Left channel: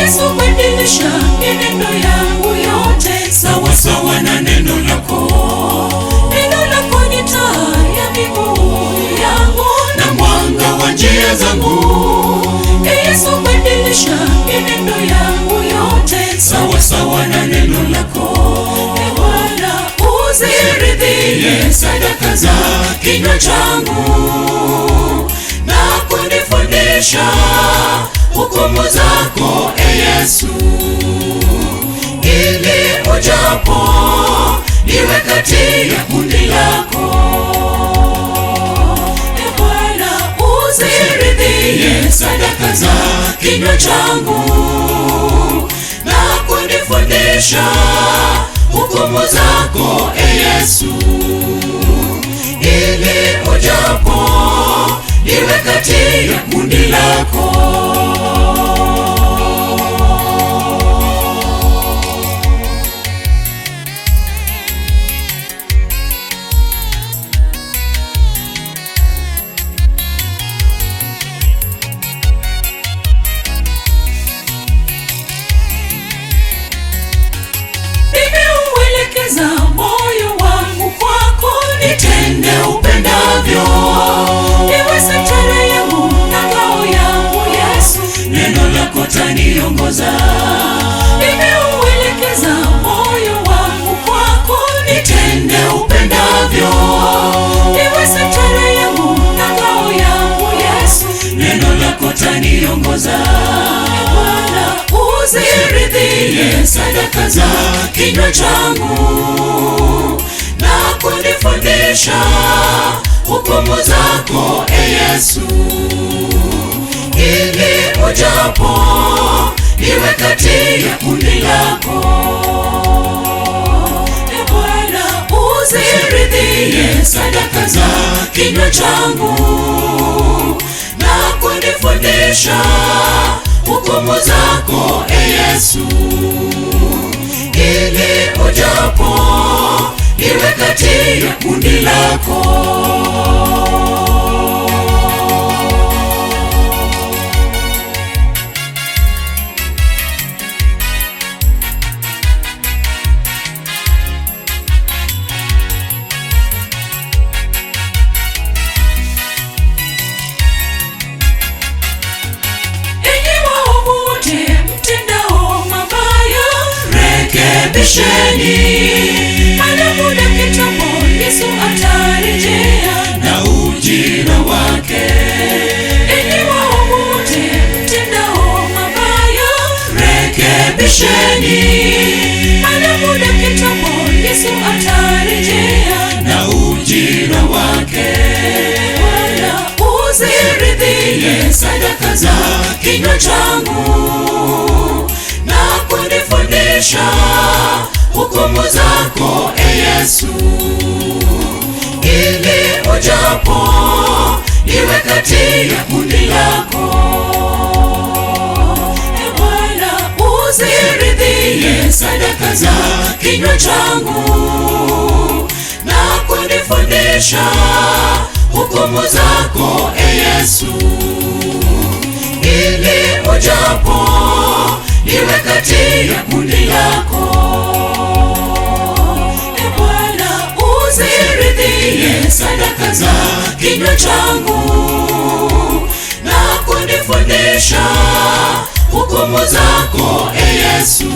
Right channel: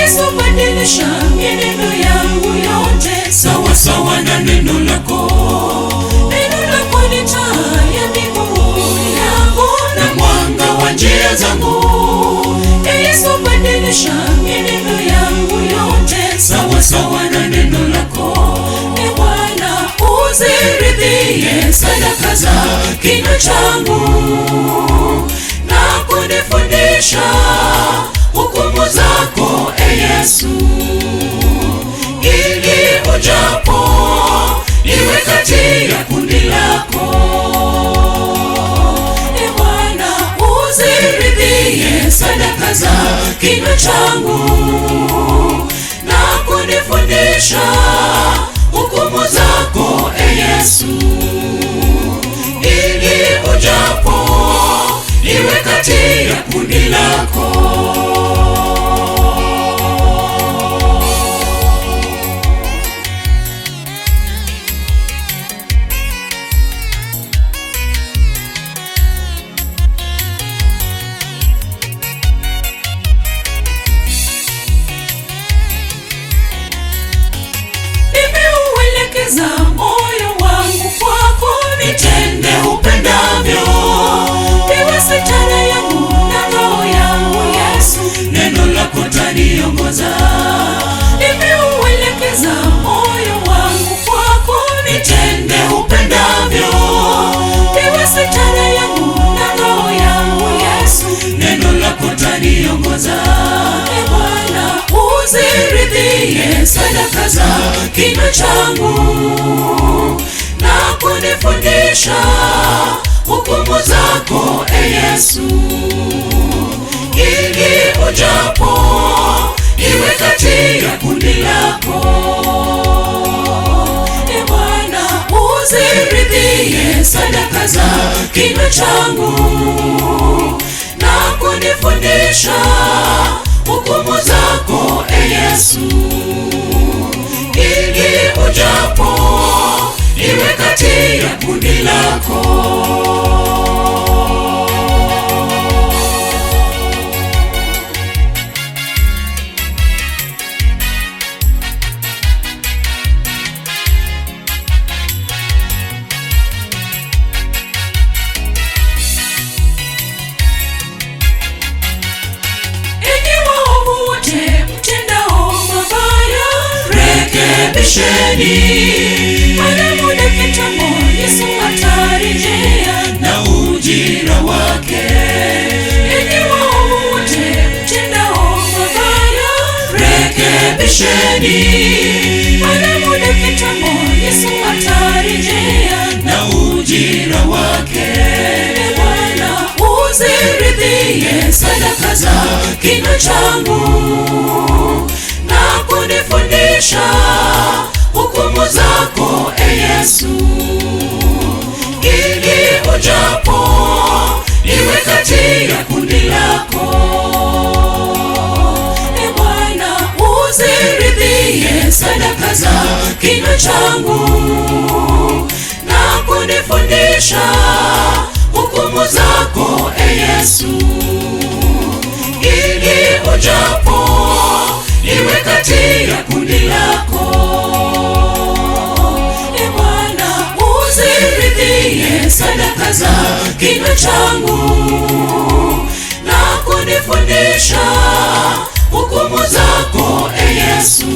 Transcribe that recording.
Yesu, badilisha mienendo yangu yote sawa sawa na neno lako. Neno lako ni taa ya miguu yangu na mwanga wa njia zangu. Yesu, badilisha mienendo yangu yote sawa sawa na neno lako. Bwana, uziridhie sadaka za kinywa changu na kunifundisha hukumu zako, Yesu, ili ujapo niwe kati ya kundi lako. Bwana, uziridhie sadaka za kinywa changu na kunifundisha hukumu zako, Yesu, ili ujapo niwe kati ya kundi lako. Moyo wangu kwako, nitende upendavyo. Iwe sitara yangu na roho yangu, Yesu, neno lako taniongoza. Nimeuelekeza moyo wangu kwako, nitende upendavyo. Iwe sitara yangu na roho yangu, Yesu, neno lako taniongoza. Bwana, uziridhie sadaka za kinywa changu na kunifundisha hukumu zako, Yesu, ili ujapo niwe kati ya kundi lako. Bwana, uziridhie sadaka za kinywa changu na kunifundisha hukumu zako, Yesu, ili ujapo niwe kati ya kundi lako. Mara muda kitambo Yesu atarejea na ujira wake. Enyi waovu wote mtendao mabaya, rekebisheni. Mara muda kitambo Yesu atarejea na ujira wake. Bwana, uziridhie sadaka za kinywa changu na kunifundisha hukumu zako, Yesu, ili ujapo niwe kati ya kundi lako. Bwana, uziridhie sadaka za kinywa changu na kunifundisha hukumu zako, Yesu, ili ujapo niwe kati ya kundi lako. Sadaka za kinywa changu na kunifundisha hukumu zako, Yesu.